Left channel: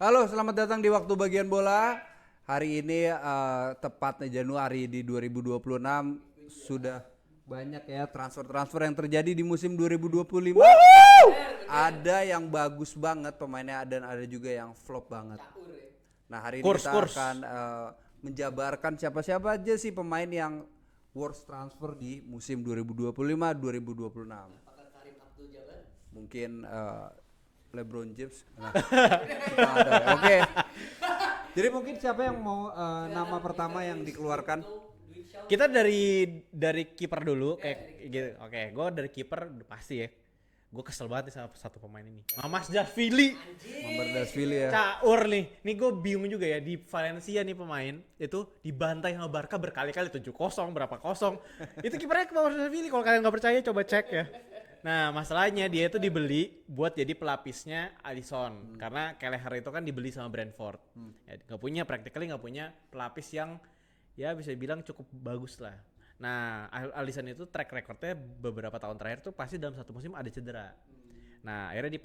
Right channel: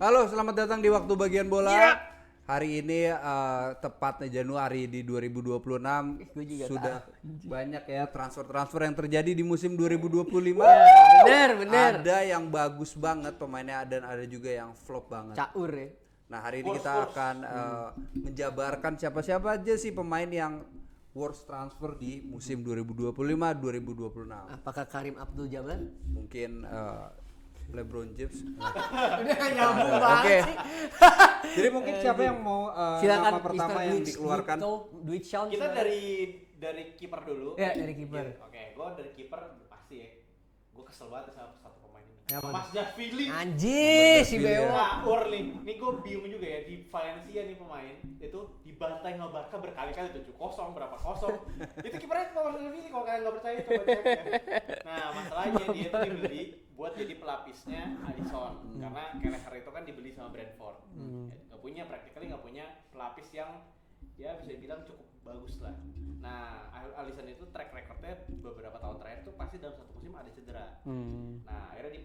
Halo, selamat datang di Waktu Bagian Bola. Iya. Hari ini tepatnya Januari di 2026 sudah banyak ya transfer-transfer yang terjadi di musim 2025. Bener. Ada yang bagus banget pemainnya dan ada juga yang flop banget. Caur ya. Nah, hari ini kita akan menjabarkan siapa-siapa aja sih pemain yang worst transfer di musim 2025-2026. Apakah Karim Abdul Jabbar? Mungkin LeBron James. Oke. Jadi mungkin siapa yang mau nama pertama Mr. yang dikeluarkan? Kita dari kiper dulu. Ya, dari kiper. Gitu. Oke, gue dari kiper udah pasti ya. Gue kesel banget sama satu pemain ini. Mas Javili. Anjir si Mamardashvili ya. Beo. Caur nih. Nih gue bingung juga ya, di Valencia nih pemain itu dibantai sama Barca berkali-kali 7-0 berapa kosong. Itu kipernya Mas Javili, kalau kalian nggak percaya coba cek ya. Nah, masalahnya dia itu dibeli buat jadi pelapisnya Alisson. Karena Kelleher itu kan dibeli sama Brentford. Ya, practically nggak punya pelapis yang ya bisa dibilang cukup bagus lah. Nah, Alisson itu track recordnya beberapa tahun terakhir tuh pasti dalam satu musim ada cedera. Nah, akhirnya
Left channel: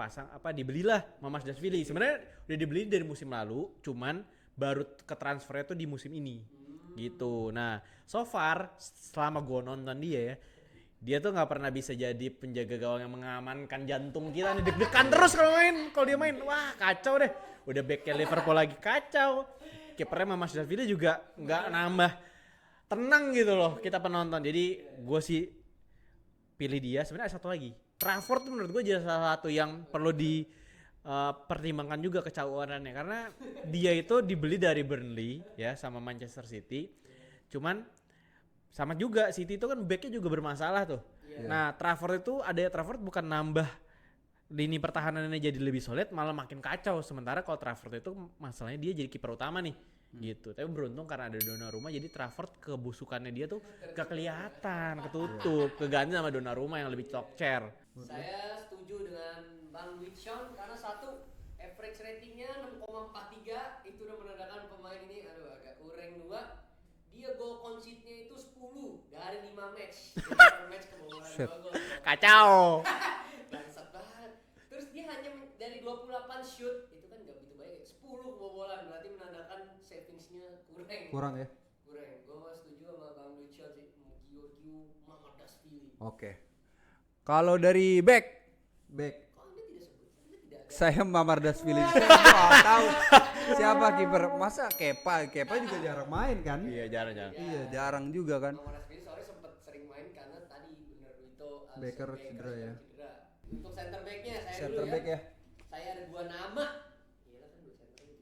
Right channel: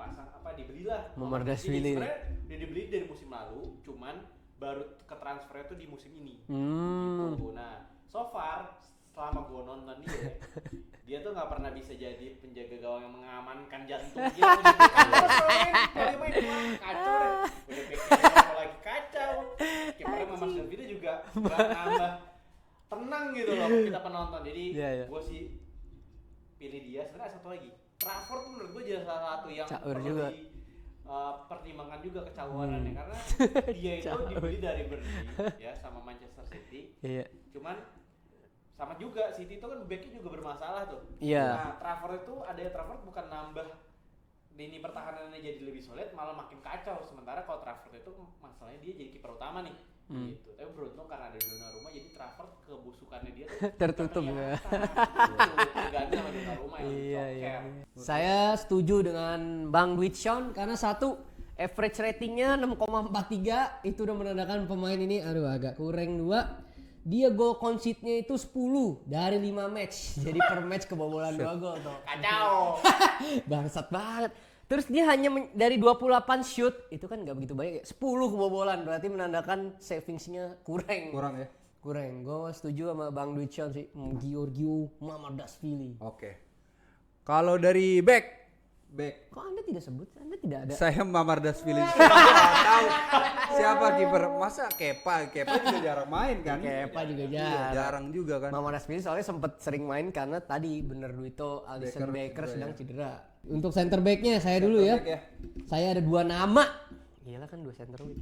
dibelilah Mamardashvili. Sebenarnya udah dibeli dari musim lalu, cuman baru ke transfernya tuh di musim ini. Gitu. Nah, so far selama gue nonton dia tuh nggak pernah bisa jadi penjaga gawang yang mengamankan jantung dia. Deg-degan terus kalau dia main, wah kacau deh. Udah backnya Liverpool lagi kacau. Kipernya Mamardashvili juga nggak nambah tenang gitu loh kita penonton. Jadi gue sih pilih dia. Sebenarnya ada satu lagi, Trafford tuh menurut gue jadi salah satu yang perlu dipertimbangkan juga kecauanannya karena dia itu dibeli dari Burnley ya sama Manchester City. Cuman sama juga City itu kan backnya juga bermasalah tuh. Nah, Trafford bukan nambah lini pertahanannya jadi lebih solid, malah makin kacau. Sementara kalau Trafford itu masalahnya dia jadi kiper utama nih. Gitu. Tapi beruntung karena ada Donnarumma, jadi Trafford kebusukannya dia tuh Tertutup kelihatan, tertutup. Keganti sama Donnarumma yang lebih cokcer. Saya setuju dengan Bang Dwitson karena satu average ratingnya 6,43 itu udah menandakan pemain ini agak kurang. Dua, dia goal concede-nya itu 10 dari 5 match. Jadi per match kebobolan 2 gol tuh. Kacau. Bangsat banget. Terus dia hanya dari 28 shoot, itu kan nggak begitu banyak ya. 10 kebobolan, berarti menandakan savingsnya kurang. Kurang ya? Kurang. Gue setuju sama Bang Dwitson sih. Giorgio Mamardashvili. Oke. Kalau dari back. Kok Anda tidak sebut? Anda tidak ada. Saya Mamardashvili. Saya nggak tahu siapa kiper. Masa Kepa juga jarang main kan? Kepa juga Iya, jarang juga kan. Mamardashvili soalnya sempat sering main karena tadi bener Duito, Alisson Becker sedang ya. cedera. Untuk center back-nya saya dulu ya. Saya ada 2 nama. Gila kan 2 center back.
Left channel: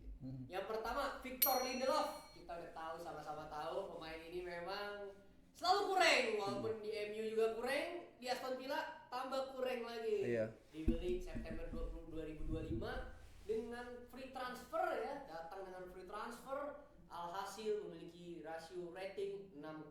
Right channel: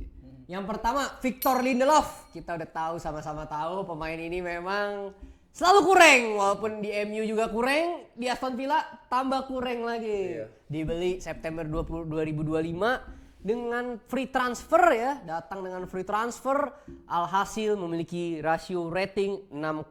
Yang pertama Victor Lindelof. Kita udah tahu, sama-sama tahu pemain ini memang selalu kurang, walaupun di MU juga kurang, di Aston Villa tambah kurang lagi. Dibeli September 2025 dengan free transfer ya, datang dengan free transfer, alhasil memiliki rasio rating 6,5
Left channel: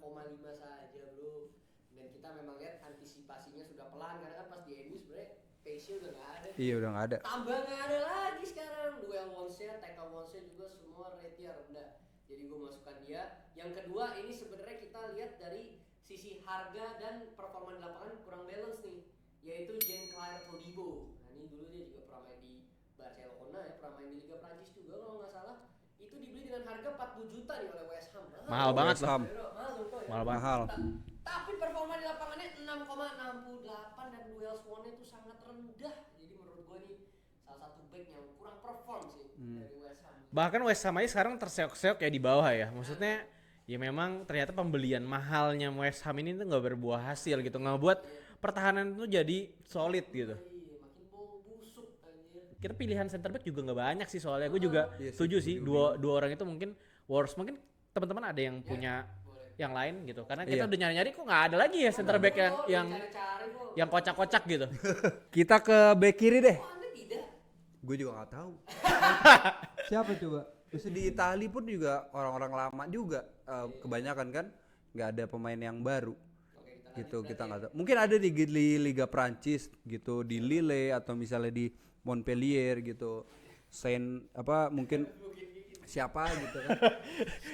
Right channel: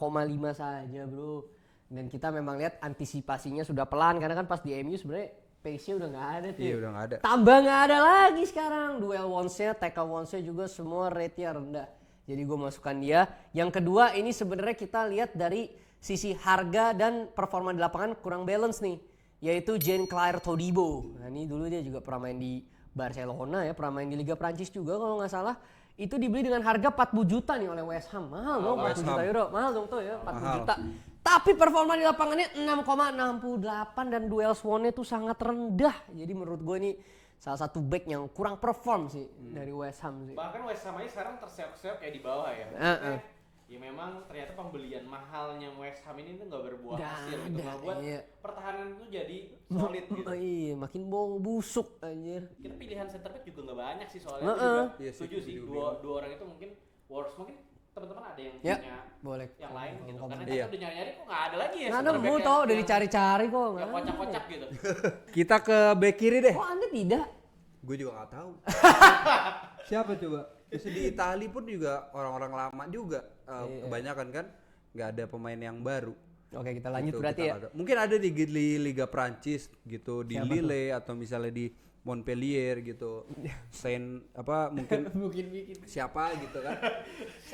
saja, bro. Dan kita memang lihat antisipasinya sudah pelan karena kan pas di MU sebenarnya pace-nya udah nggak ada tuh. Iya, udah nggak ada. Tambah nggak ada lagi sekarang. Duel once-nya, tackle once-nya juga semua rate-nya rendah. Jadi gue masukkan dia. Yang kedua ini sebenarnya kita lihat dari sisi harga dan performa di lapangan kurang balance nih. Yaitu Jean-Claire Todibo. Nah ini dulu dia juga pernah main di Barcelona ya. Pernah main di Liga Prancis juga kalau nggak salah. Itu dibeli dengan harga 40 juta nih oleh West Ham. Mahal dong, 40 juta euro. Mahal dong tuh ya, 40 juta. Tapi performa di lapangannya 6,68 dan duel swan-nya tuh sangat rendah. Jadi menurut gue ini salah satu back yang kurang perform sih dari West Ham sih. Bahkan West Ham aja sekarang terseok-seok kayak di bawah ya. Maksudnya ya memang ternyata pembelian mahalnya West Ham ini tuh nggak berbuah hasil gitu. Nggak buat pertahanan itu jadi solid gitu. Iya, makin bau busuk anjir. Kita pilihan center back juga nggak banyak sih soalnya. Gue juga setuju sih dua orang itu mungkin worst. Mungkin teman-teman ada yang punya boleh. yang lain gitu. Karena kita udah nyari-nyari kok nggak ada lagi ya Ada center back udah dicari-cari kok. yang kocak-kocak gitu. Kita ke back kiri deh. Kok Anda tidak? Gue juga nggak tahu. Siapa coba? Bisa di Itali pun juga orang-orang lama juga. Kebanyakan kan nggak ada pemain yang baru. Oke, kita lanjut Gitu, berarti ya. mungkin ada di Liga Prancis gitu, di Lille atau misalnya di Montpellier gitu. Saint apa mungkin siapa gitu kan.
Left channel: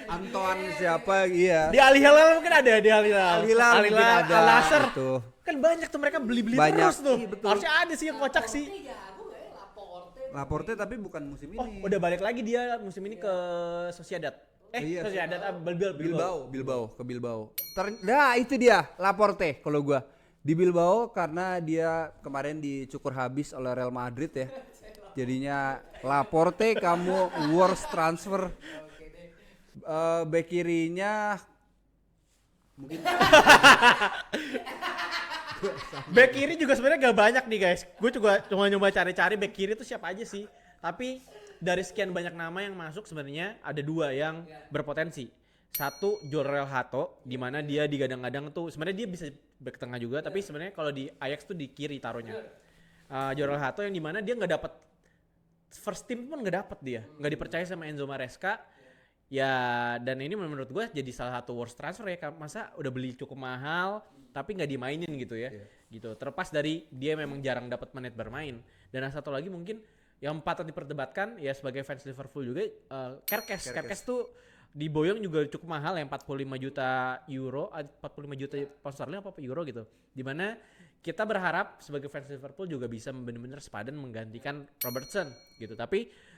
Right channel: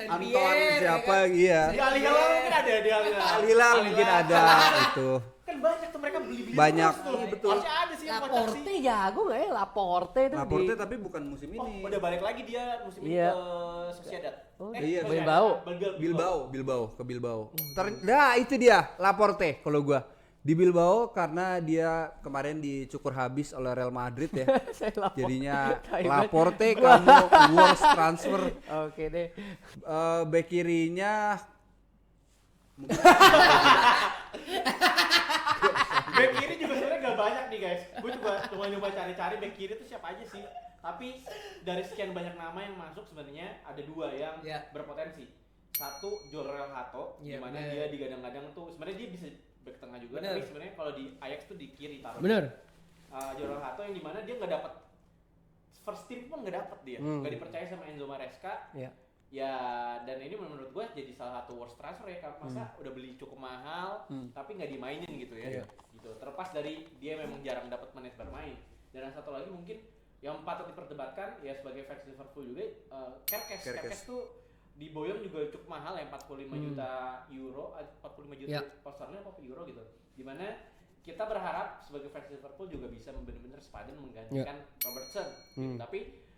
Anton siapa iya. Di Al Hilal mungkin ada di Al Hilal. Al Hilal mungkin ada gitu. Kan banyak tuh mereka beli-beli Banyak. terus tuh. Iya, betul. Harusnya ada sih yang kocak sih. Laporte jago nggak ya? Laporte itu. Laporte tapi bukan musim Oh, ini. udah balik lagi dia musim ini Iya. ke Sociedad. Iya, Sociedad, Bilbao ke Bilbao. Nah, itu dia Laporte kalau gua. Di Bilbao karena dia kemarin dicukur habis oleh Real Madrid ya. Jadinya Laporte kamu worst transfer. Oke deh. Bek kirinya Back kiri juga sebenarnya gak banyak nih guys. Gue juga cuma nyoba cari-cari back kiri itu siapa aja sih. Tapi dari sekian banyak nama yang masuk sebenarnya ada dua yang berpotensi. Satu Jorel Hato, gimana dia digadang-gadang tuh sebenarnya dia bisa back tengah juga, tapi sebenarnya kalau di Ajax tuh di kiri taruhnya. Bener. Jorel Hato yang dimana dia nggak dapat first team pun nggak dapat dia, nggak dipercaya sama Enzo Maresca. Ya dan ini menurut gue jadi salah satu worst transfer ya, masa udah beli cukup mahal tapi nggak dimainin gitu ya, gitu. Terlepas dari dia memang jarang dapat menit bermain. Dan yang satu lagi mungkin yang patut diperdebatkan ya sebagai fans Liverpool juga, Kerkes tuh diboyong juga cukup mahal ya, 45 juta euro, 45 juta pound sterling apa euro gitu. Dimana kita berharap sebagai fans Liverpool juga bisa benar-benar sepadan menggantikan Robertson gitu. Tapi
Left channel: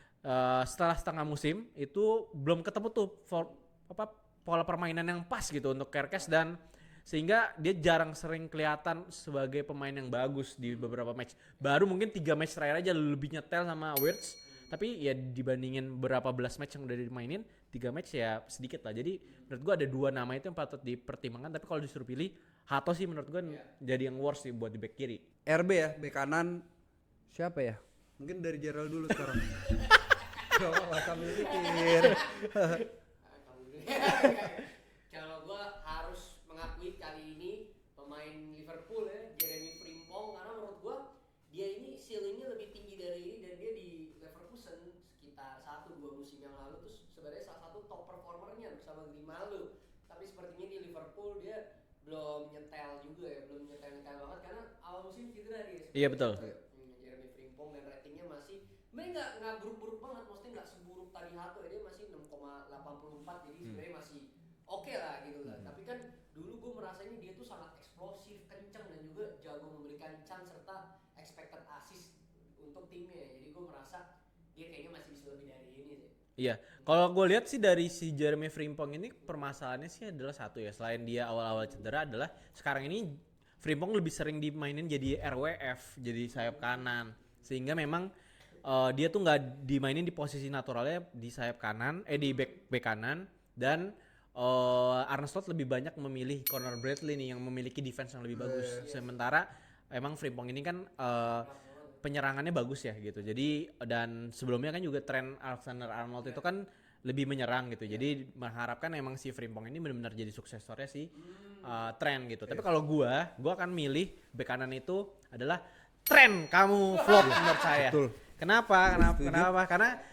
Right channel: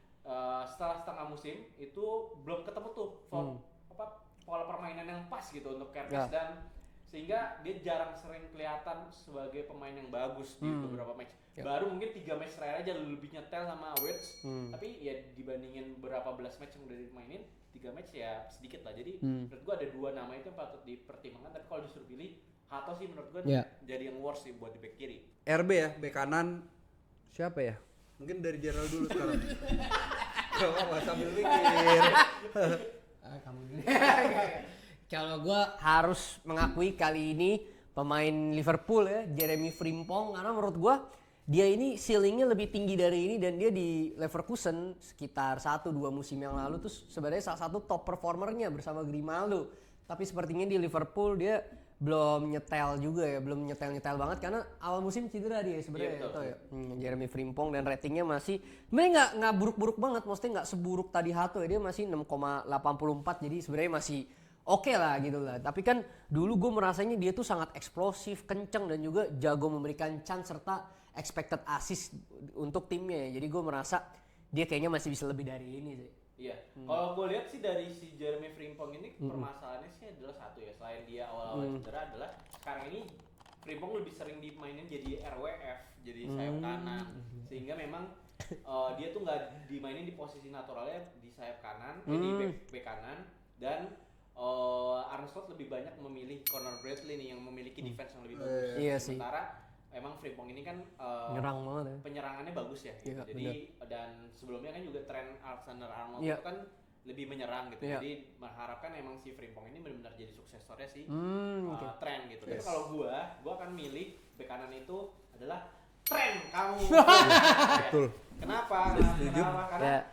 setelah setengah musim itu belum ketemu tuh pola permainan yang pas gitu untuk Kerkes dan sehingga dia jarang sering kelihatan sebagai pemain yang bagus di beberapa match. Baru mungkin 3 match terakhir aja lebih nyetel sama Wirtz. Tapi ya dibandingin berapa belas match yang udah dimainin, 3 match ya sedikit lah. Jadi menurut gua ada 2 nama itu yang patut dipertimbangkan, tapi kalau disuruh pilih Hato sih menurut gua jadi yang worst sih buat di back kiri. RB ya, bek kanan siapa ya? Mungkin dari Gerald dulu sekarang. Gak sambil pikir. Kalau gue harus mengakui kali ini pemain Liverpool ya, Jeremy Frimpong, karena menurut gue dia ini ceilingnya lebih tinggi dari ini, dan dia di Leverkusen sekitar 1-2 musim yang lalu tuh sebenarnya salah satu top performernya bersama Grimaldo. Tapi sepertinya di Liverpool dia belum nyetel juga ya, belum nyetel banget karena awal musim cedera dia sebenarnya. Iya betul. Jeremy Frimpong dan ratingnya masih sebenarnya nggak buruk-buruk banget, maksudnya nggak seburuk tadi Hato ya, dia masih 6,84, jadi sebenarnya masih oke lah gitu lah. Tapi kan dulu gue merasanya dia tuh sangat eksplosif, kenceng, dan juga jago memberikan chance serta expected assist untuk timnya ya. Jadi gue merasa dia kayaknya masih bisa lebih dari ini sih. Iya, kalau gue lihat sih dari si Jeremy Frimpong ini permasalahannya sih adalah satu ya, selain dia awal-awal cedera adalah sekarang ini Frimpong lebih sering dimainin jadi RWF, jadi sayap kanan, sehingga memang dia tuh nggak dimainin di posisi naturalnya di sayap kanan, di back kanan, dan Arne Slot lebih banyak memilih Conor Bradley nih yang memiliki defense yang lebih bagus. Sementara emang Frimpong ini kan penyerangannya bagus ya gitu. Jadi dan sebelumnya kan juga tren Alexander-Arnold itu kan lebih menyerang gitu. Jadi mengharapkan emang si Frimpong ini benar-benar jadi suksesornya si tren gitu. Tapi kalau gua akan milih bek kanan itu adalah tren kamu. Betul. Kenapa? Karena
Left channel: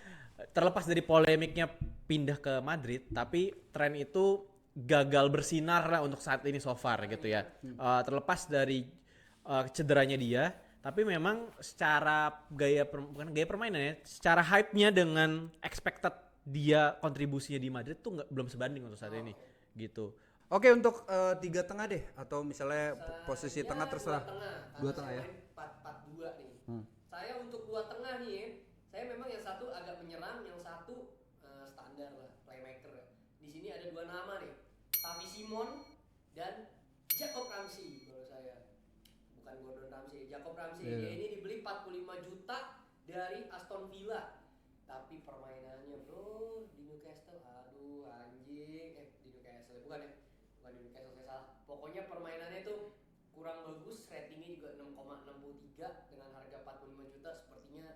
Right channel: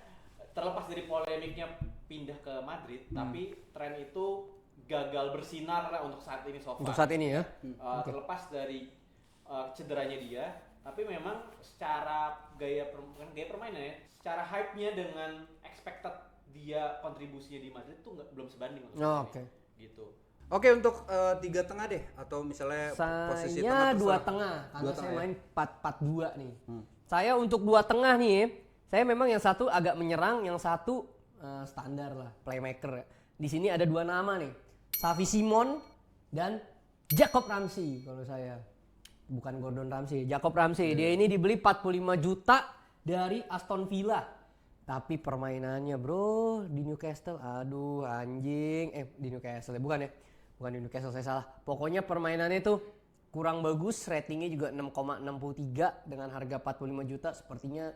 terlepas dari polemiknya pindah ke Madrid, tapi tren itu gagal bersinar lah untuk saat ini so far. Saat gitu ini ya. Terlepas dari cederanya dia, tapi memang secara bukan gaya permainan ya, secara hype-nya dengan expected dia kontribusinya di Madrid tuh belum sebanding untuk saat ini. Gitu. Oke, untuk 3 tengah deh, atau misalnya posisi tengah terserah. 2 tengah, karena Dua saya tengah ya? main 4-4-2 nih. Saya untuk 2 tengah nih, saya memang yang satu agak menyerang, yang satu standar lah, playmaker. Di sini ada 2 nama nih, Xavi Simon dan Jacob Ramsey kalau saya. Bukan Gordon Ramsay, Jacob Ramsey. Dia ini dibeli 45 juta dari Aston Villa. Tapi permainannya bro di Newcastle, aduh anjing. Di Newcastle ya, bukan di Newcastle, saya salah. Pokoknya permainannya tuh kurang bagus, ratingnya juga 6,63 dengan harga 45 juta. Sepertinya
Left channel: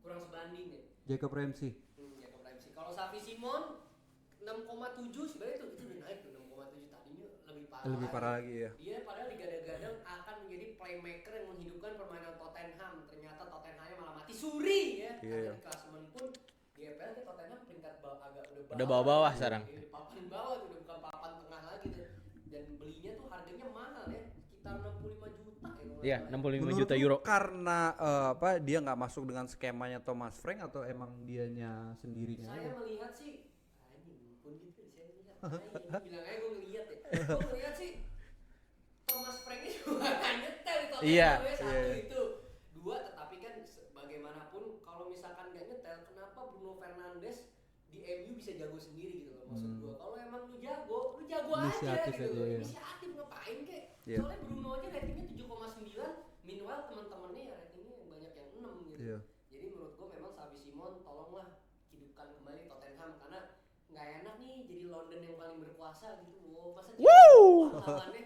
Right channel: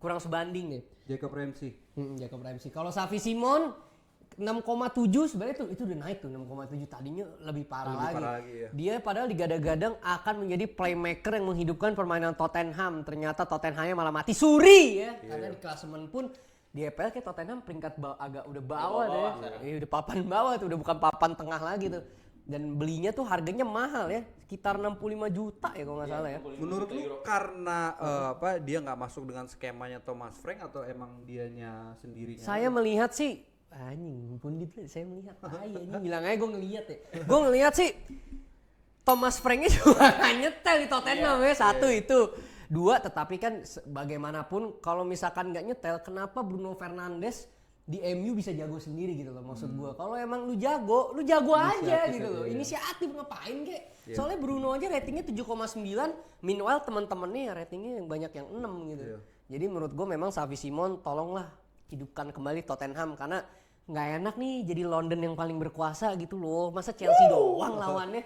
kurang sebanding deh. Jacob Ramsey. Jacob Ramsey. Kalau Xavi Simon 6,7 sebenarnya itu udah naik tuh, 6,7 tadinya lebih parah lagi. Ya. Dia padahal digadang-gadang akan menjadi playmaker yang menghidupkan permainan Tottenham. Ternyata Tottenhamnya malah mati suri ya. Karena di klasemen pun di EPL kayak Tottenham peringkat agak udah bawah sekarang. udah papan bawah tuh, udah bukan papan tengah lagi tuh. Dan belinya tuh harganya mahal ya, sekitar 65 juta ya kalau nggak Iya, salah ya. 65 Menurut juta lu euro. karena dia nggak masuk dengan skemanya Thomas Frank atau emang dianya sendirinya? Saya melihat sih, anjing pundit saya melihat, ini bilang aja gue ngelihat ya. Gue ngelihat sih Thomas Franknya juga nggak nyetel di Tottenham ya, satu itu. Dua, tetapi kan bagaimanapun kalau misalkan nggak nyetel, kenapa Bruno Fernandes di MU bisa jago sendiri gitu loh maksud gua. Kalau emang lu jago aja Inisiatif gitu aja, loh. iya. Inisiatif ngapain kek? Iya. Soalnya Bruno aja ratingnya 7,9, meanwhile teman-temannya ya ratingnya yang banyak yang 6 gitu. Iya. Jadi menurut gua memang Xavi Simon tolonglah hidupkan kembali Tottenham karena nggak enak nih jadi London yang paling berkuasa gitu loh. Masa Chelsea doang lawannya.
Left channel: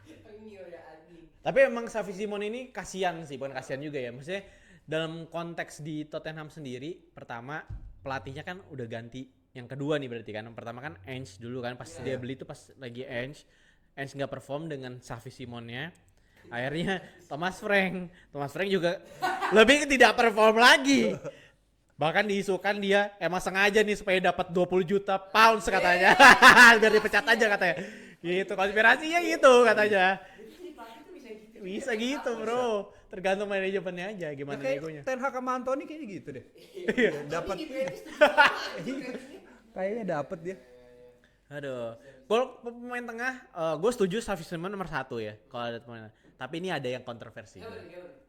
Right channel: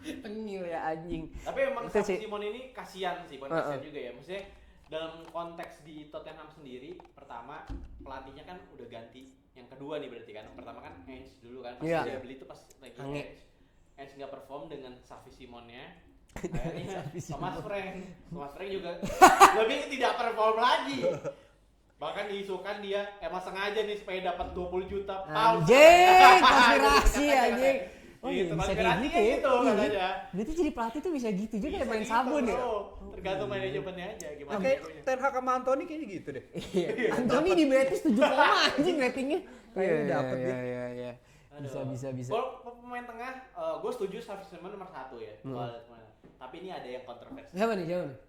Tengil ya anjing. Tapi emang Itu Xavi sih. Simon ini kasihan sih, bukan kasihan juga ya. Maksudnya dalam konteks di Tottenham sendiri, pertama pelatihnya kan udah ganti. Yang kedua nih berarti kan, pertama kan Ange dulu kan, pas Iya. dia beli itu pas lagi Ange nggak perform dengan Xavi Simonnya. Akhirnya Thomas Frank juga lebih tidak perform lagi. Bahkan diisukan dia emang sengaja nih supaya dapat 20 juta pounds Anjing, katanya. Biar dipecat konspirasi, aja katanya. anjing. Oh, Gitu, bisa konspirasinya kayak gitu katanya. Berarti jadi pelatih tuh bisa gitu juga Bisa ya, main gitu sabun ya? bro, tergantung manajemennya aja gimana Oke, jagonya. Ten Hag sama Anthony kayaknya gitu deh. Iya. Anthony di Betis 7 anjing ratingnya. Kayaknya dapet dia. Iya. Aduh. Bisa. Kalau pemain tengah, gue setuju Xavi Simon nomor 1 ya. Kalau ada pemain. Tapi ini ada yang kontroversi. Siapa nih?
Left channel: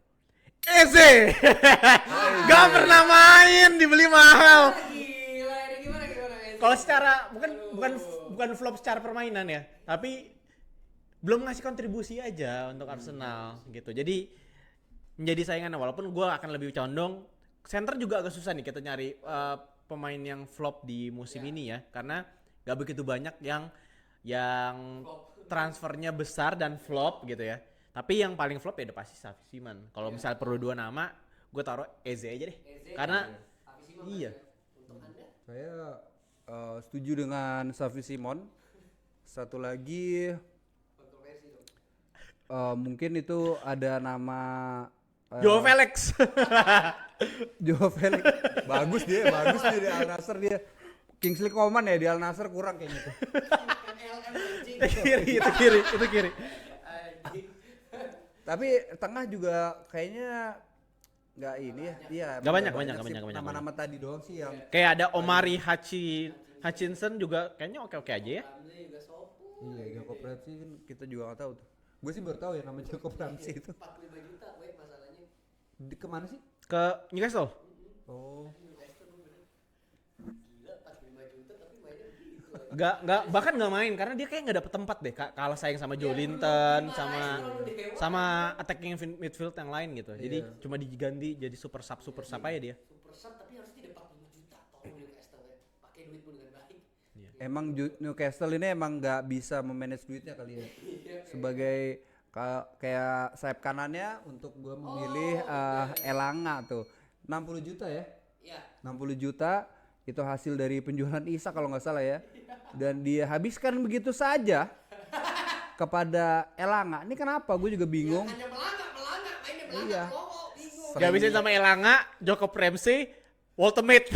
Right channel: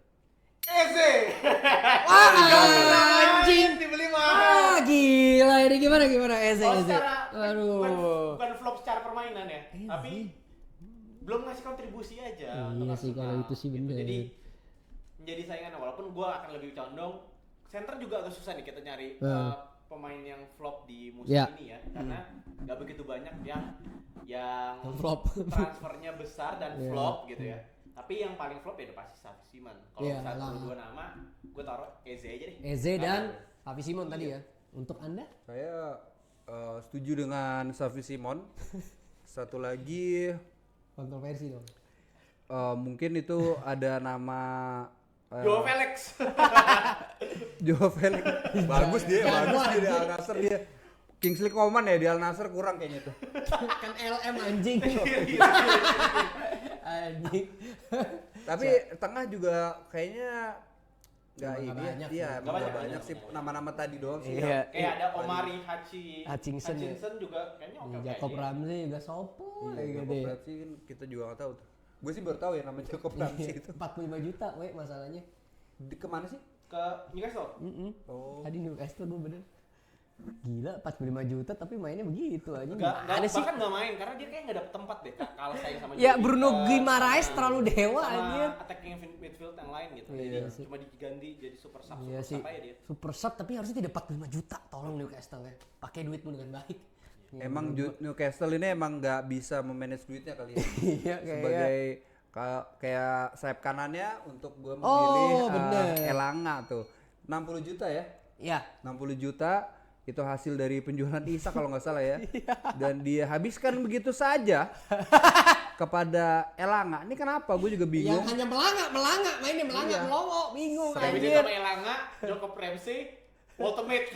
Eze, gak pernah main, dibeli mahal. Gila ini gimana Eze? Kalau secara Aduh. bukan flop secara permainan ya, tapi belum ngasih kontribusi aja untuk sih, kalau Arsenal itu sih gitu. bener. Jadi menjadi saingan walaupun gue akan lebih condong center juga agak susah nih kita nyari pemain yang flop di musim Ya. ini ya, karena gak begitu banyak yang Flop. transfernya besar dan flop gitu ya. Tapi yang paling flop ya udah pasti Xavi Simon. Kalau Iya. misalnya perlu 2 nama, gue taruh Eze aja deh. Eze Karena- dan Xavi Simon tadi Iya. ya. Untuk Anda? Saya setuju dengan Xavi Simon. Satu lagi Kontroversi dong. mungkin itu ada nama Joe Felix. Joe Felix. bagus dia di Al Nassr dia. Kingsley Coman ya di Al Nassr kurang kayaknya tuh. Kan LM anjing. kiri. Anjing. Tapi tengah juga kayaknya nggak ini ya. banyak. Iya, Nggak emang banyak, nggak banyak, sih. banyak. Nama-nama tadi doang sih. Iya. yang- Kayak ada Omari Hutchinson Hutchinson juga kayaknya oke-oke aja Jacob ya. Ramsey juga sopo. Iya, gitu Jacob ya. Ramsey kan kita juga nggak tahu tuh. Gue sih baru tahu ya nama Jacob Ramsey itu. 45 juta masalahnya. Kemana sih? Ke Newcastle. Oh. Tadi Newcastle dulu bener. Gila 45 juta tapi mainnya begitu aja. Enggak, bahkan nggak main karena dia kayak nggak dapet tempat deh, kalah saing sama Ya Joe Bruno Linton, Guimaraes sama- terlalu dewa sama aja. attacking midfield yang lain gitu. Jadi cuma diganti jadi super sub Iya sih. aja dia. Super sub tapi harusnya tidak 45 juta. Tolong Newcastle ya. Pakai duitmu dengan baik. Emang Newcastle ini emang nggak bisa memanage duitnya kali ya. Iya Sebagai kayak sayap kanannya untuk gue memilih bener. Elanga tuh 60 juta ya. Ya. 60 juta itu hasil dari penjualan Isa kalau nggak salah ya. Dan dia habiskan begitu saja kepada Elanga. Ini kenapa? Gue juga bingung. Ya, hanya melanga, mainnya melanga, Iya. melongo, bingung. Udah habis itu anjir. sama Elanga, Jacob Ramsey, Ultimate.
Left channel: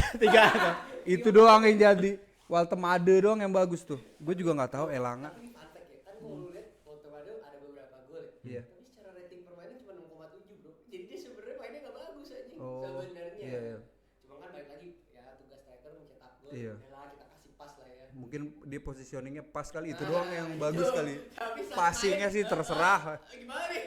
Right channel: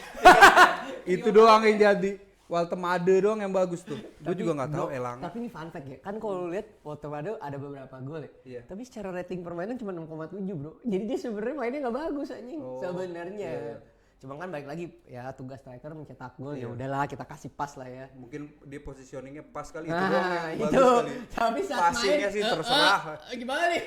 Itu doang yang jadi. Walter Made doang yang bagus tuh. Gue juga nggak tahu Elanga. Tapi ini fun fact ya, kan kalau lu lihat Walter Mado ada beberapa gol ya. Iya. Tapi secara rating permainan cuma 6,7 bro. Jadi dia sebenarnya mainnya nggak bagus anjing Oh, sebenarnya. iya. Cuma kan balik lagi ya tugas striker mencetak gol ya Iya. udahlah kita kasih pas lah ya. Mungkin dia positioningnya pas kali itu Nah, doang yang itu. bagus kali. Tapi saat Passingnya main, sih terserah. Gimana nih?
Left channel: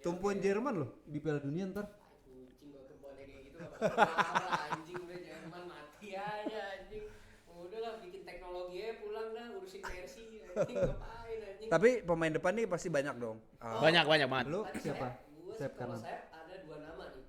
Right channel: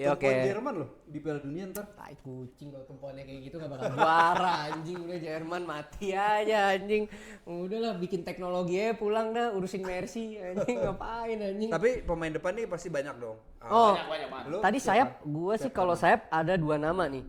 Top poin Jerman loh di Piala Dunia ntar. Tai kucing kalau kemponnya kayak gitu gak bakal juara anjing, udah Jerman mati aja anjing. Udahlah bikin teknologi aja pulang dah urusin Mercy anjing ngapain anjing. Tapi pemain depan nih pasti banyak dong. Oh. Banyak banget. Lu Tadi siapa? sayap, gua sih kalau sayap ada 2 nama nih.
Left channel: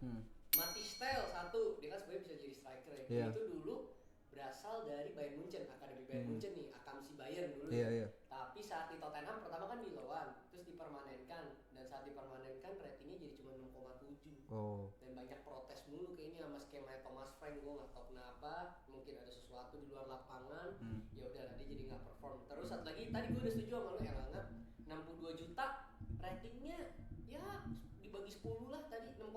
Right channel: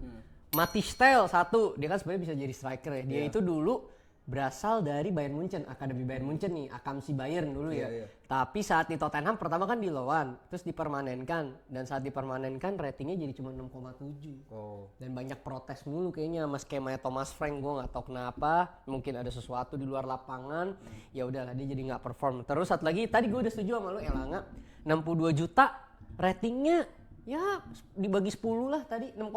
Matis Tel satu, dia kan sebenarnya bisa jadi striker ya. Dia Iya. itu dulu berasal dari Bayern Munchen, akademi Bayern Munchen nih, Akamsi Bayern dulu ya. Iya, iya. Tapi saat di Tottenham pertama kan di loan, terus dipermanenkan dan saat dipermanenkan ratingnya jadi cuma 6,7. Oh. Dan banyak protes mulu kayaknya sama skemanya Thomas Frank, gue nggak tahu kenapa, mungkin ada sesuatu di luar lapangan. Ya udahlah dia jadi nggak perform. Terus satu lagi tadi gue udah setuju sama lo Elanga, 62 juta ratingnya Ya dibagi 10 lah tadi 6,2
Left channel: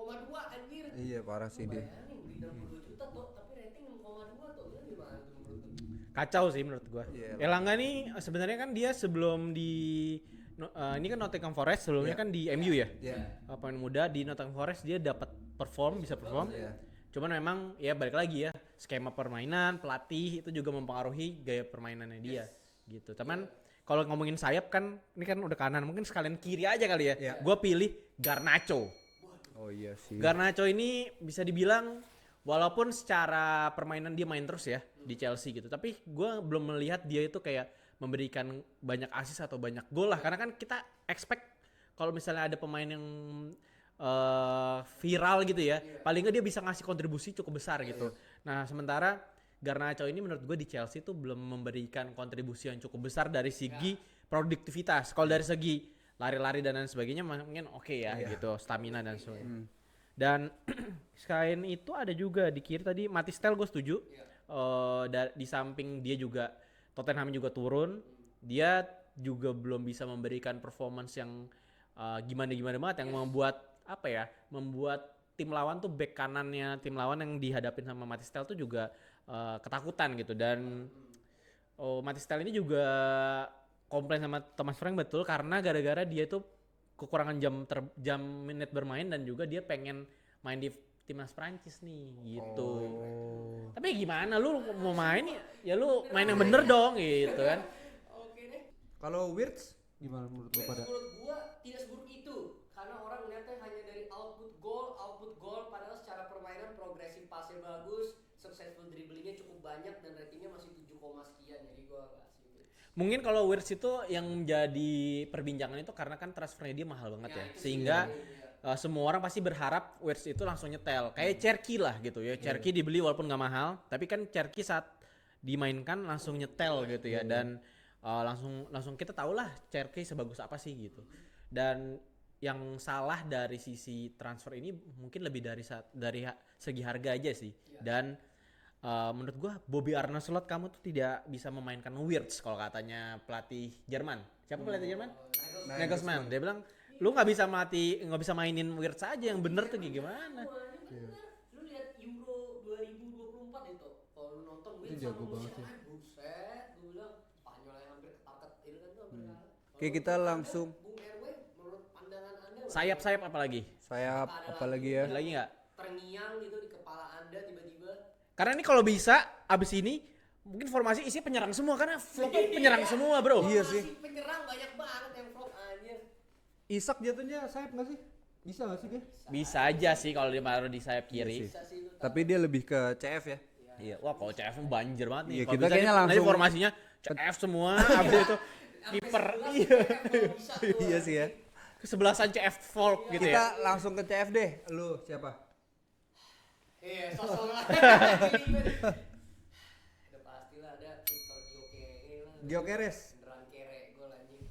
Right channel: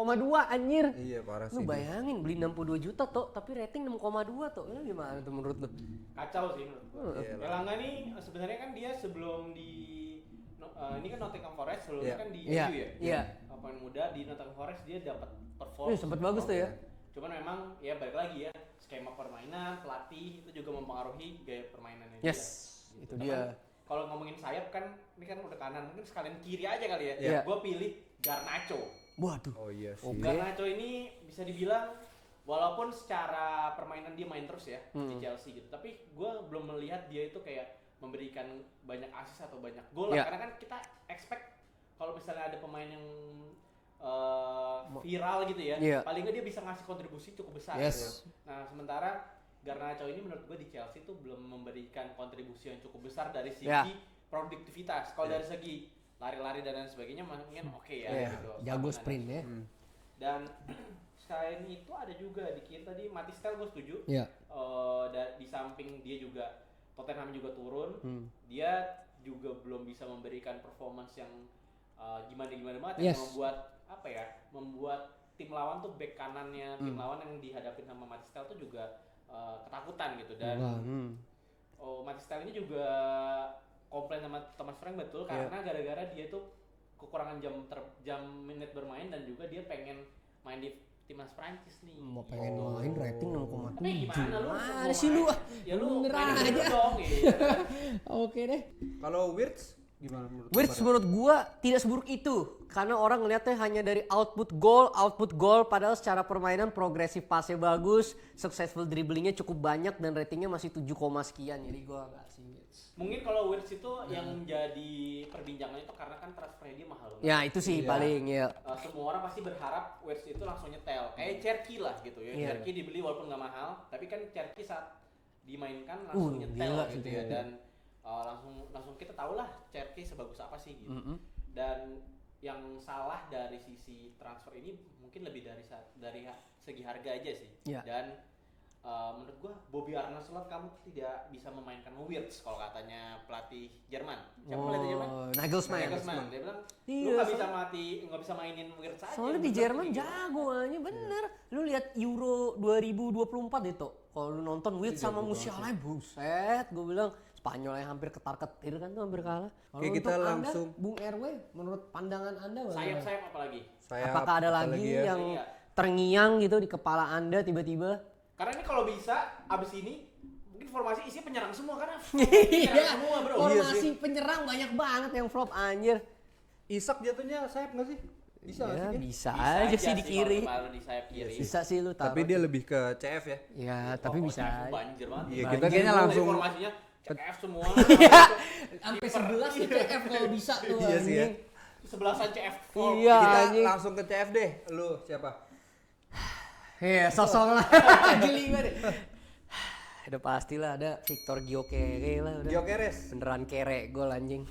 anjir. Iya parah Lu sih dia. bayangin beli 62 juta tuh tapi rating 6,2 tuh. Lu gimana tuh menurut lu? Kacau sih menurut gua. Iya. Elanga nih sebenarnya kan dia sebelum di ini kan Nottingham Forest sebelumnya Iya. kan di Iya, MU ya. iya. Pemain muda di Nottingham Forest dia dapat perform, Iya, sempet bagus tuh ya. Cuman memang ya balik lagi ya skema permainan, pelatih itu juga mempengaruhi gaya permainannya dia. Yes, Gitu. itu Cuman dia. kalau ngomongin sayap kan ini kan udah kanan, mungkin sekalian kiri aja kali ya. Iya. Gua pilih Garnacho. Waduh. Oh iya sih. Garnacho ini bisa dibilang walaupun secara permainan dia main terus ya di Chelsea gitu, tapi gue belum melihat dia itu kayak memberikan banyak assist atau banyak gol lah, Ya. karena kan kita expect kalau misalnya ada pemain yang viral gitu ya, Iya. paling nggak dia bisa ngasih kontribusi cukup besar Yes. gitu. Nah sementara Garnacho ini menurut gue di Chelsea tuh belum memberikan kontribusi yang cukup besar dari segi produktivitas. Kalau dari segi lari-lari dan lain sebagainya mungkin oke ya Iya. gitu, Jago stamina dan sprint ya. sebagainya. Dan selain itu ada juga di kiri tadi Matistel gue setuju. Iya. Di samping dia juga Tottenham juga turun, dia juga belum bisa memberikan performance yang gimana banget yang Yes. membuat tim lawan tuh back kanannya tim lawan yang dihadapin sama Matistel tuh juga ketakutan gitu. Dan Matistel ini juga komplain sama Thomas Frank betul karena gara-gara dia tuh kekurangan jam menit bermain dan juga dia pengen main di timnas Prancis nih gitu. Main rating 6,7. Tapi gimana lu mau sih main? lu? Ya lu Bener main yang aja. bener dong gitu kan. Oke deh. Kalau Wirtz gimana menurut lu Wirtz pada? menurut gua tidak seburuk itu karena orang ngeliatnya hanya dari output goal padahal secara permainan progresif passe bagus, successful dribblingnya cukup banyak dan ratingnya masih 7, sekian jadi gua agak sih Wirtz. Mungkin kalau Wirtz itu yang jadi perbincangan itu karena kan transfernya dia mahal banget. Ya itu sih Sehingga, paling ya. semua orang pasti berharap Wirtz itu langsung nyetel. Kayak Cherki lah gitu ya. Iya. Cherki dibeli walaupun nggak mahal, tapi kan Cherki saat dimainkan langsung nyetel gila gitu ya. Dan langsung kita tahu lah Cherki sebagus apa sih gitu. Dan yang salah dari sisi transfer ini mungkin lebih dari segi harga aja sih. Iya. Dan menurut gua Bobby Arnaslot kamu tuh tidak bisa memainkan Wirtz kalau katanya pelatih Jerman. Siapa pelatih Jerman? Nagelsmann. Nagelsmann. Dia bilang Iya. lu nggak bisa mainin Wirtz aja. Soalnya di bener tuh Jerman kayak gitu. jago aja bener. Lu lihat Euro 2024 itu. Kalau lu nonton Wirtz sama Musiala buset, gue bilang Spanyol yang hampir ketar-ketir kan tuh hampir kalah. Kalau Oke, kita untuk langsung- Anda, Bung RW menurut pandangan Anda bagaimana? Sayap-sayap apalagi. Saya Apakah ada lagi ya? yang Lagi nggak? terngiang gitu di kepala Anda tiba-tiba? Karena ini kalau bisa abis ini mungkin formasi isi penyerang semua karena penyerang semua bro. Iya Formasi sih. penyerang banyak banget yang flop anjir. Isak jatuhnya sayap nggak sih? Bisa nggak sih? Kin? Bisa, Bisa aja aja sih di sih kalau kiri. ditaruh di sayap kiri. Bisa sih lu taruh. Tapi dia lebih ke CF ya. Ya, Wah, tapi kalau bisa. CF banjir banget. Iya, Nah, kita dari- kayaknya dari langsung- formasinya CF semua. habis itu Sampai kiper. 11 CF kalau bisa tuh. Iya sih ya. anjing. Kesebelasan CF full. Iya. Kita anjing. langsung ke CF deh. Lu siapa? Iya, sosok lah. Jelimet. Udah pastilah ada Victor Gyökeres lah udah. Gyökeres. Beneran kere gol anjing.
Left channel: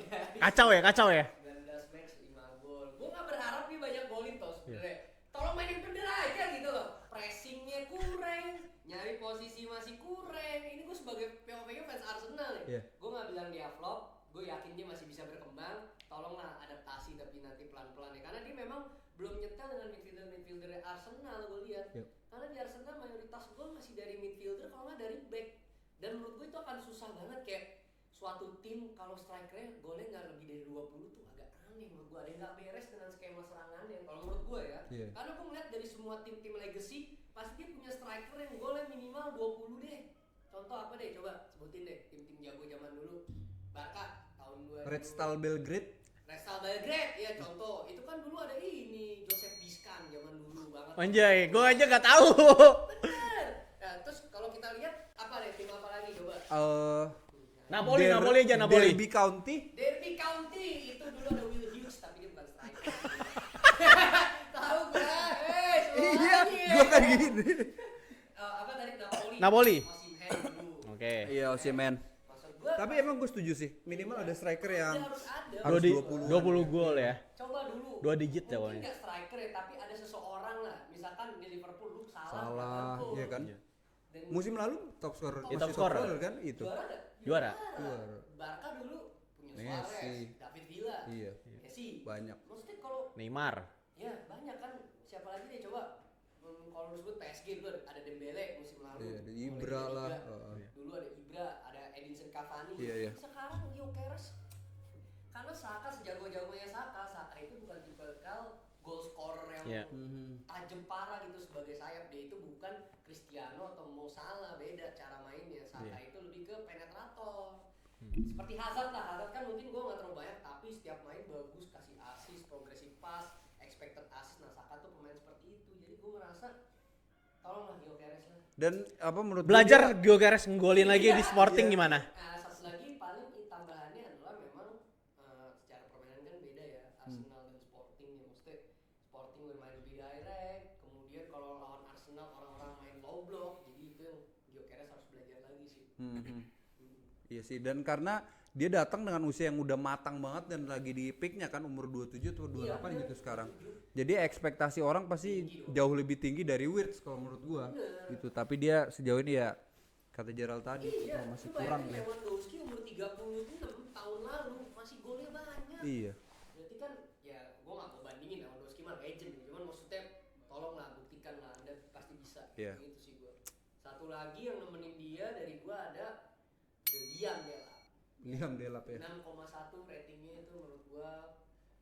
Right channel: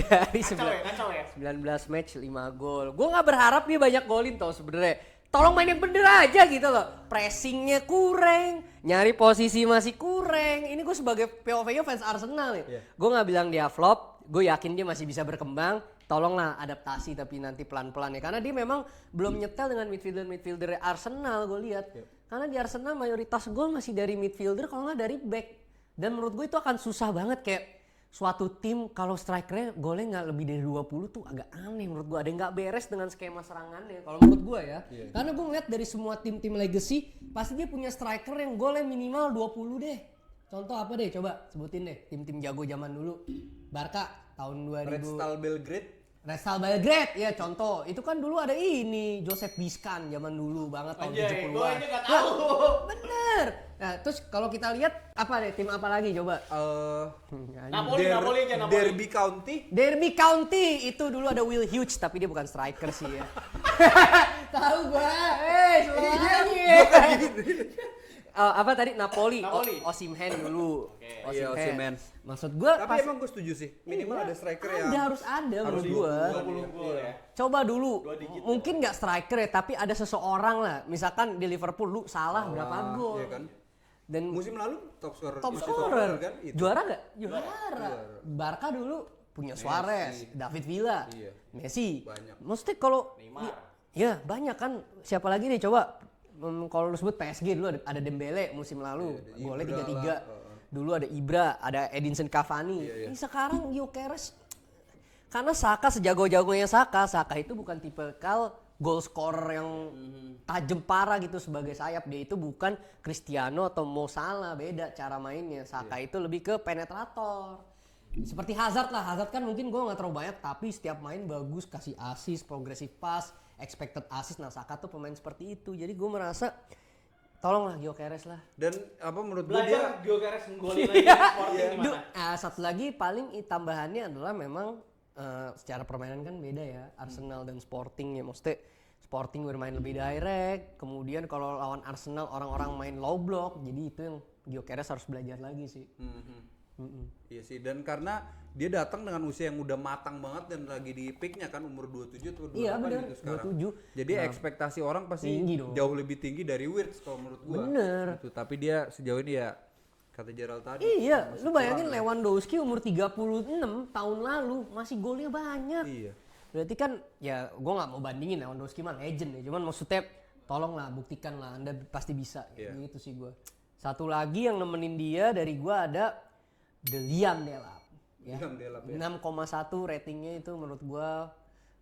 Dari Kacau ya. 19 match 5 gol. Gue nggak berharap dia banyak golin tau sebenarnya. Tolong main yang bener aja gitu loh. Pressingnya kurang, nyari posisi masih kurang. Ini gue sebagai POV-nya fans Arsenal nih. Iya. Gue nggak bilang dia flop. Gue yakin dia masih bisa berkembang. Tolonglah adaptasi tapi nanti pelan-pelan ya. Karena dia memang belum nyetel dengan midfielder Arsenal gue lihat. Yep. Karena di Arsenal mayoritas gol masih dari midfielder kalau nggak dari back. Dan menurut gue itu akan susah banget kayak suatu tim kalau strikernya golnya nggak lebih dari 20 tuh agak aneh menurut gue. Ada yang nggak beres dengan skema serangannya kalau menurut gue ya. Iya. Karena gue ngeliat dari semua tim-tim legacy pasti dia punya striker yang golnya minimal 20 deh. Contoh apa deh coba sebutin deh tim-tim jago zaman dulu. Barca tahun 2000. Red Star Belgrade. Red Star Belgrade ya contoh. Itu kan dulu ada ini Joseph Biscan zaman dulu banget. tahun Anjay, 70-an. gue aja gak tahu. Bener. Nah, terus kalau kita lihat apa deh tim apa lagi coba? Napoli aja Napoli. Derby County. Derby County itu dulu ada Will Hughes tapi dia bukan striker sih ya. Tahu gua. Semuanya. Gua kan gini. Apa tadi Napoli? Napoli. Osimhen dulu. Oke. Iya, Osimhen. Maksud gua Tapi emang gue setuju sih. Minimal ada striker yang harus ada harus menurut gua. 20 gol ya. Coba dulu. 2 digit Mungkin nggak striker ya, tapi ada seseorang lah. Misalkan di Liverpool lu salah berapa gol. Iya kan? Dan Musim lalu top scorer top masih scorer kan itu. Juara nggak? Juara. Barca dulu punya Suarez, Messi. David Villa, Iya. Messi. Banyak. Maksudnya kalau Neymar. ya banyak kan, siapa lagi nih coba. Kalau lu sebut PSG dulu ada Dembele musim lalu, Iya, ada golnya Ibra 33. lah, Dulu ada Ibra, ada Edinson Cavani. Iya, iya. Ini sekarang Gyökeres, karena Saka sejago-jagonya Saka itu bukan tipikal goal scorer yang tajam parah gitu sebagai sayap. Dia itu bukan Cristiano atau Mo Salah, beda cara mainnya. Saka itu lebih ke penetrator. Seperti Hazard lah, Hazard kan mungkin gue gak terlalu banyak, tapi setiap main bagus, kasih assist, progressive pass, expected assist. Nah Saka tuh pemain seperti itu, jadi gue merasa tolonglah Gyökeres lah. Dan apa menurut gua Belajar Gyökeres menggolin lagi di Sporting gimana? Satu lagi paling tambahannya adalah memang secara permainan kan beda ya, Arsenal dan Sporting ya. Maksudnya Sporting bermain lebih direct, kemudian kalau lawan Arsenal orang-orang main low block, jadi itu yang Gyökeres harus belajar lagi sih. Iya sih, dan karena dia datang dengan usia yang udah matang banget dan lagi di peaknya kan, umur 27 atau 28 Iya, bener, gitu sekarang. 27. Jadi ekspektasi orang pasti Tinggi dong. jauh lebih tinggi dari Wirtz kalau menurut gua. Bener. Gitu. Tapi dia sejauh ini ya kata Gerald tadi. Iya, lu bayangin Lewandowski umur 36 tahun lalu masih golnya banyak. Iya. Berarti kan ya gue nggak mau bandingin Lewandowski mah legend ya, cuman maksudnya tolonglah buktikan lah Anda pasti bisa. Iya. Gitu sih gue. Satu lagi yang nemenin dia dari gue ada Liam Delap. Liam Delap ya. 6,1 ratingnya itu menurut gue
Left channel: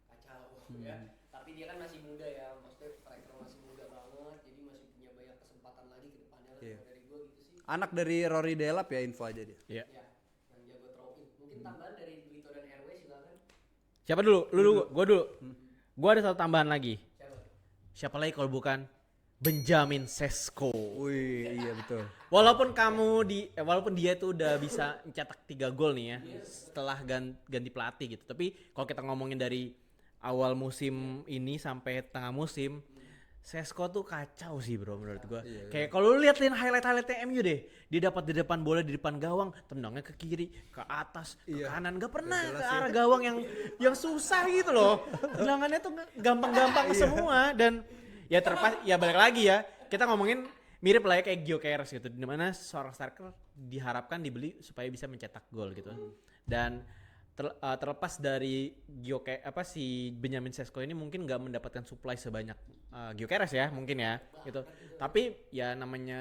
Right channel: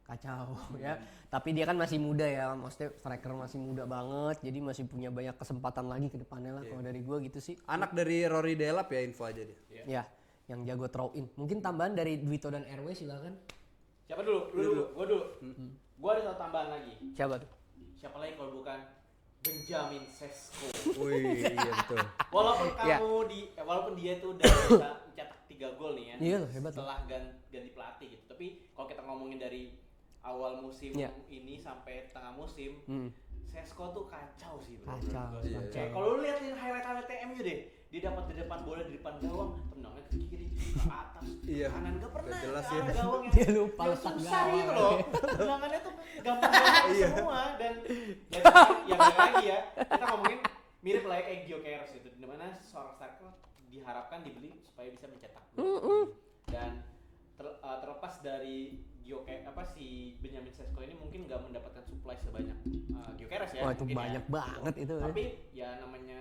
kacau ya. Tapi dia kan masih muda ya, maksudnya striker masih muda banget, jadi masih punya banyak kesempatan lagi ke depannya lah. Kalau dari gue gitu sih. Anak dari Rory Delap ya, info aja dia. Iya. Ya, yang jago throw in. Mungkin tambahan dari Duito dan RW silakan. Siapa dulu? Lu dulu, gua dulu. Gua ada satu tambahan lagi. Siapa tuh? Siapa lagi kalau bukan Benjamin Sesko. Wih, iya betul. Walaupun walaupun dia tuh udah bisa mencetak 3 gol nih ya. Iya, hebat. Setelah ganti pelatih gitu. Tapi kalau kita ngomongin dari awal musim ini sampai tengah musim, Sesko tuh kacau sih bro menurut gua. Iya, Kayak kalau lu liatin highlight-highlightnya MU deh, dia dapat di depan bola di depan gawang, tendangnya ke kiri, ke atas, ke Iya. kanan, gak pernah Gak jelas ke ya. arah gawang yang susah gitu loh. Tendangannya tuh gampang-gampang semua dan ya ya balik lagi ya. Kita ngomongin mirip lah ya kayak Gyökeres gitu, dimana seorang striker diharapkan dibeli supaya bisa mencetak gol. Gitu. Dan terlepas dari si Benjamin Sesko ini mungkin nggak mendapatkan supply sebanyak Gyökeres ya. Wah, itu mungkin ya banyak banget itu ya. Tapi ya namanya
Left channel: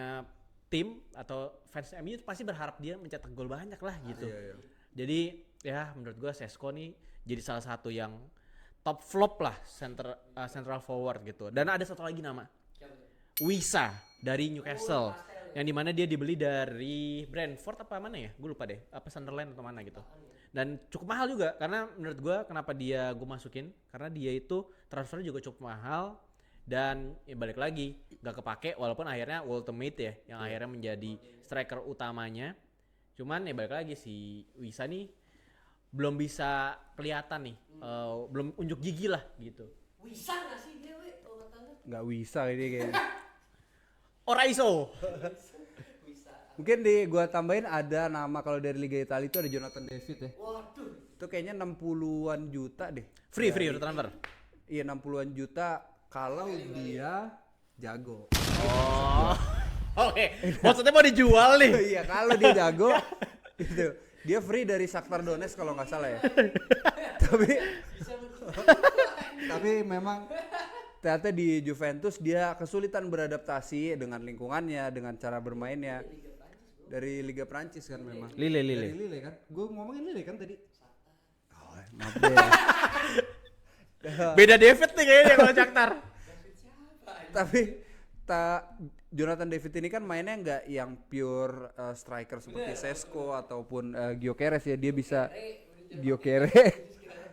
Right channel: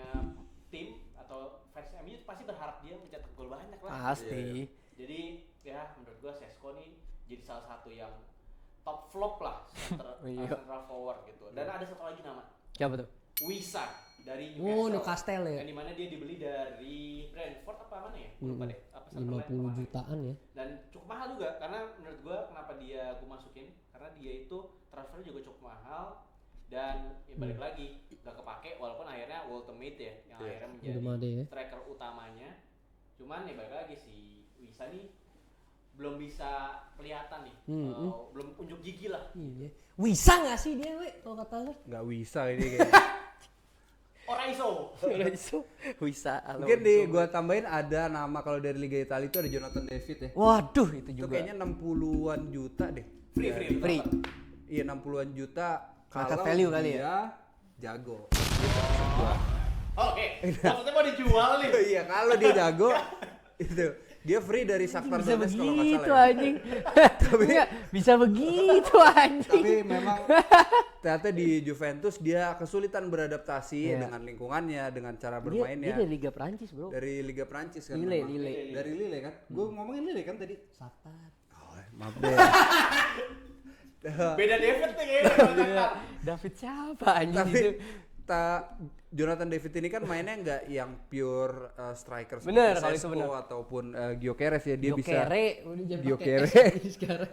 tim atau fans MU pasti berharap dia mencetak gol banyak lah. Asli. Gitu. Jadi ya menurut gua Sesko nih jadi salah satu yang top flop lah central forward gitu. Dan ada satu lagi nama, Siapa tuh? Wisa dari Newcastle. Newcastle ya. Yang dimana dia dibeli dari Brentford apa mana ya? Gue lupa deh. Apa Sunderland apa mana gitu. Jutaan ya. Dan cukup mahal juga karena menurut gue kenapa gue masukin karena dia itu transfernya juga cukup mahal dan ya balik lagi gak kepake walaupun akhirnya ultimate ya yang akhirnya menjadi Belum ada ya. striker utamanya. Cuman ya balik lagi si Wisa nih belum bisa kelihatan nih, belum unjuk gigi lah gitu. Wisa nggak sih dia, we? Kalau kata lu? Nggak bisa ini kayaknya. Oraiso. Wisa. Mungkin di gua tambahin ada nama kalau dari Liga Italia itu ada Jonathan David ya. Waduh, itu Itu juga. kayaknya 60-an juta deh. Free Ya, untuk transfer. Iya 60-an juta kalau value kali dia ya? jago. Oke, maksudnya mau dijual nih. Iya kalau dia jago itu dia free dari Shakhtar Donetsk kalau nggak salah ya. Tapi bisa begitu anjing. Tapi memang ternyata di Juventus dia kesulitan beradaptasi dengan lingkungannya, dengan cara bermainnya. Dia dari Liga Prancis, Bro. Dari Liga Prancis kan Lille, memang. Lille. Dari Lille kan. Gue ngomongin Lille kan tadi. Shakhtar. Oh, maaf deh. Beda David nih kayaknya kalau Shakhtar. David siapa anjing? Tapi Jonathan David ini kan mainnya nggak yang pure striker Bener, seperti kalau itu Sesko bener. ataupun Gyökeres ya, dia bisa Gyökeres Gyökeres. sekarang.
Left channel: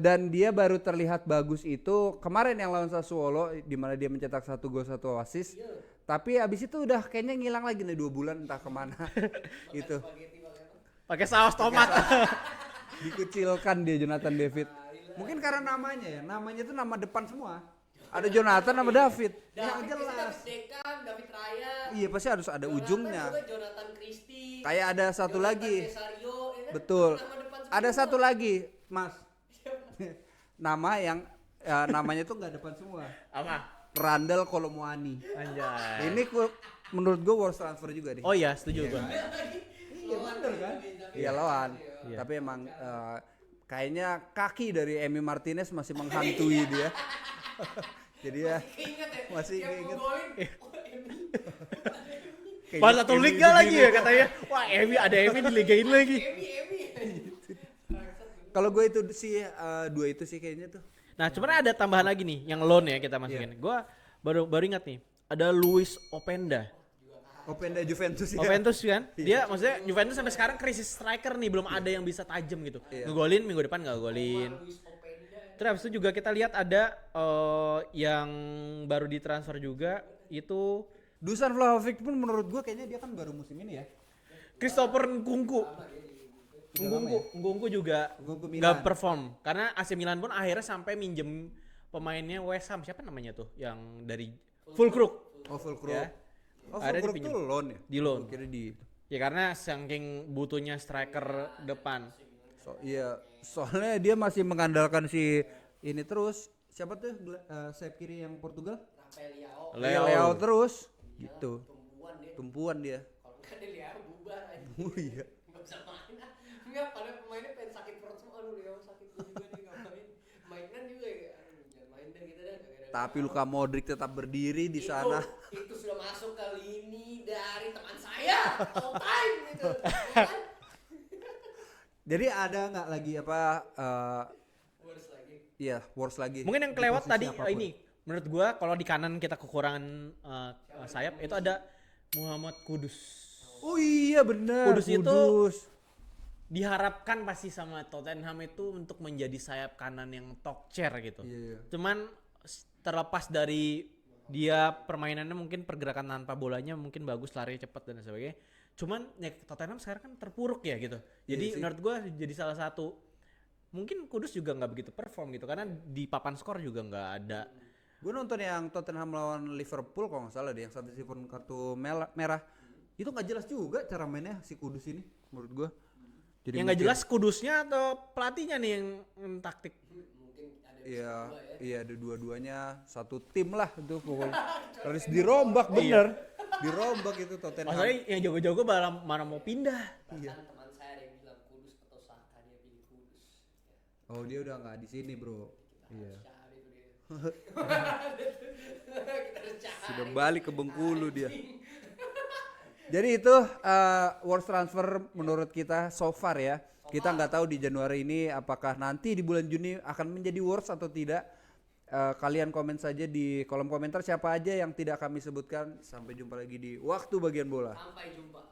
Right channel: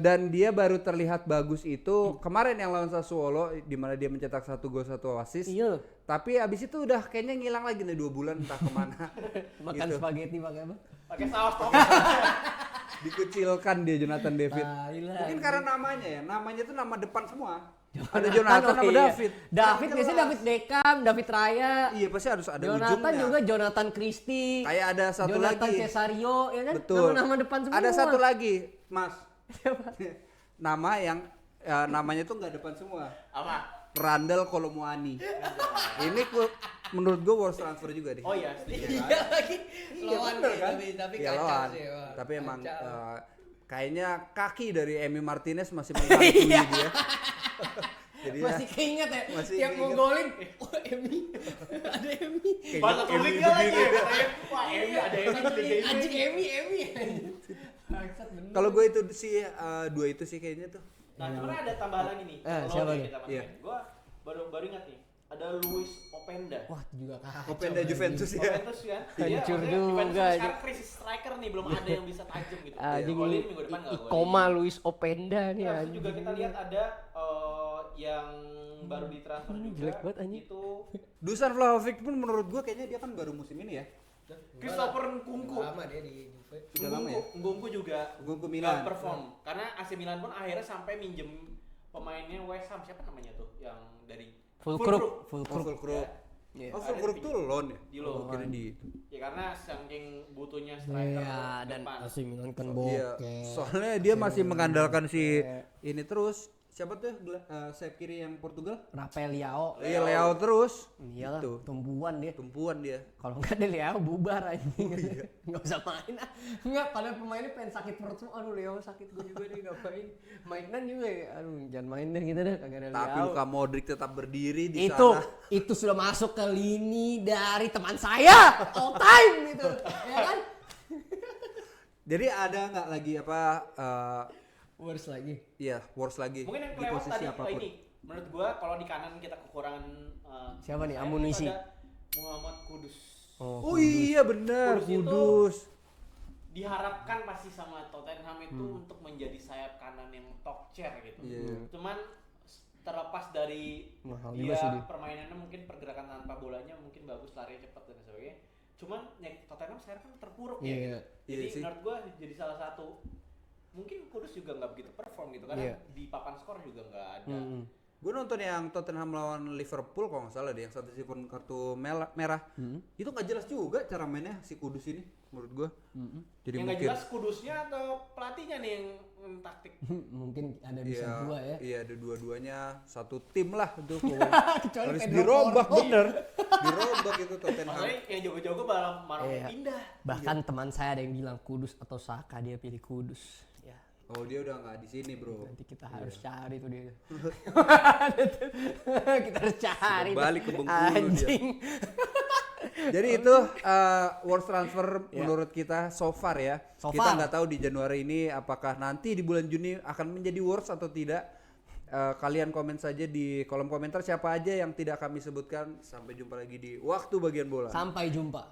Dan dia baru terlihat bagus itu kemarin yang lawan Sassuolo di mana dia mencetak 1 gol 1 assist. Iya. Tapi abis itu udah kayaknya ngilang lagi nih 2 bulan entah kemana. Makan Itu spaghetti pakai apa? Pakai saus tomat. dikucilkan dia Jonathan David. Gila. Mungkin karena namanya tuh nama depan semua. Ada Jonathan sama Oke, iya. David. David Yang biasanya jelas. David Beckham, David Raya. Iya pasti harus ada Jonathan ujungnya. juga Jonathan Christie. Kayak ada satu Jonathan lagi. Cesario, ya kan? Betul. Nama depan semua. Ada satu lagi, Mas. Nama yang namanya tuh nggak depan semua. Apa? Randall Kolomoani. Ini menurut gue worst transfer juga deh. Oh iya, setuju. Iya bener kan? Iya lawan. tapi emang kayaknya kaki dari Emi Martinez masih menghantui dia. Jadi ya Masih keinget ya? masih Tiap mau keinget. golin, oh Emi, ada Emi. Pas satu Emi liga lagi ya katanya. Wah, Emi ada Emi di liga ini lagi. Emi. Bangsat, bener. Kalau gue itu sih dua itu sih kayaknya tuh. Nah, cuman ada tambahan lagi nih yang loan ya kita masukin. Gua baru ingat nih. Ada Luis Openda. Wah juga kacau. Openda Juventus ya. Juventus kan? Dia Hancur maksudnya juga Juventus sampai ini. sekarang krisis striker nih, belum ada yang bisa tajam gitu. Aduh. Digolin minggu depan enggak golin. Koma Luis Openda nih. Terus habis itu juga kita lihat ada yang baru ditransfer juga buat anjing. itu Dusan Vlahovic pun menurut gue kayaknya dia kan baru musim ini ya. Christopher Nkunku. Udah lama ya? Nkunku juga Nkunku nggak Milan. perform karena AC Milan pun akhirnya sampai minjem pemainnya West Ham, siapa namanya tuh yang dari Fulkrug. Fulkrug. Iya. Oh, Ada Fulkrug dipinjam. tuh loan ya? Di loan. Oh, kira di itu. Ya karena saking butuhnya striker depan. AC Milan kan Iya, bokeh. soalnya dia masih mengandalkan si ini terus. Siapa tuh sayap kiri yang Portugal? Rafael Leao. Iya, Leao terus. Iyalah, Itu. tumbuhan dia. Tumpuan dia. Kalau enggak dia Leao bubar aja. Oh, iya. Enggak usah main. Enggak, padahal pemainnya pengen sakit perut semua. Aduh Leao sakit gue juga dia enggak main. Mainan juga ya. Aduh, jangan main deh gitu deh kagak ada Tapi Leao. Luka Modric tetap berdiri di itu sana. itu sudah masuk ke lini dari teman saya all time gitu. Ya kan? Jadi ada nggak lagi apa Worse lagi. iya, worse lagi. Mungkin yang di kelewat posisi tadi apapun. ini menurut gua kalau di kanan kita kekurangan Siapa nih, sayap, amunisi? itu ada Muhammad Kudus. Oh iya benar, Kudus itu- Kudus. Diharapkan pasti sama Tottenham itu untuk menjadi sayap kanan yang top chair gitu. Iya. Cuman terlepas dari Mahal juga dia sih permainannya mungkin pergerakan tanpa bolanya mungkin bagus, lari cepat dan sebagainya. Cuman ya Tottenham sekarang kan terpuruk ya Iya. gitu. Iya Jadi sih. menurut gua jadi salah satu mungkin Kudus juga nggak begitu perform gitu karena Iya. di papan skor juga nggak ada. Gue nonton yang Tottenham lawan Liverpool kalau nggak salah deh, yang satu sifon kartu merah. Itu nggak jelas juga cara mainnya si Kudus ini menurut gue. Jadi Yang nggak mungkin- jelas Kudusnya atau pelatihnya nih yang taktik. Mungkin ada bisa Iya, dua ya. iya ada dua-duanya satu tim lah itu pokoknya. Kecuali Harus Edward dirombak Morgan. bener, dirombak itu Tottenham. Maksudnya yang jago-jago malah mau Iya. pindah. Bahkan teman saya ada yang bilang Kudus atau Saka, dia pilih Kudus. Ya, Oh dia udah nggak di sini bro. nanti kita harus Iya. cari tuh dia. Kita harus cari. Sudah balik ke Bengkulu dia. Anjing. Jadi itu worst transfer menurut kita so far ya. So Kita far. nggak tahu di Januari ini apakah nanti di bulan Juni akan menjadi worst atau tidak. Kalian komen saja di kolom komentar siapa aja yang tidak kami sebutkan. Sampai jumpa lagi di Waktu Bagian Bola. Sampai jumpa.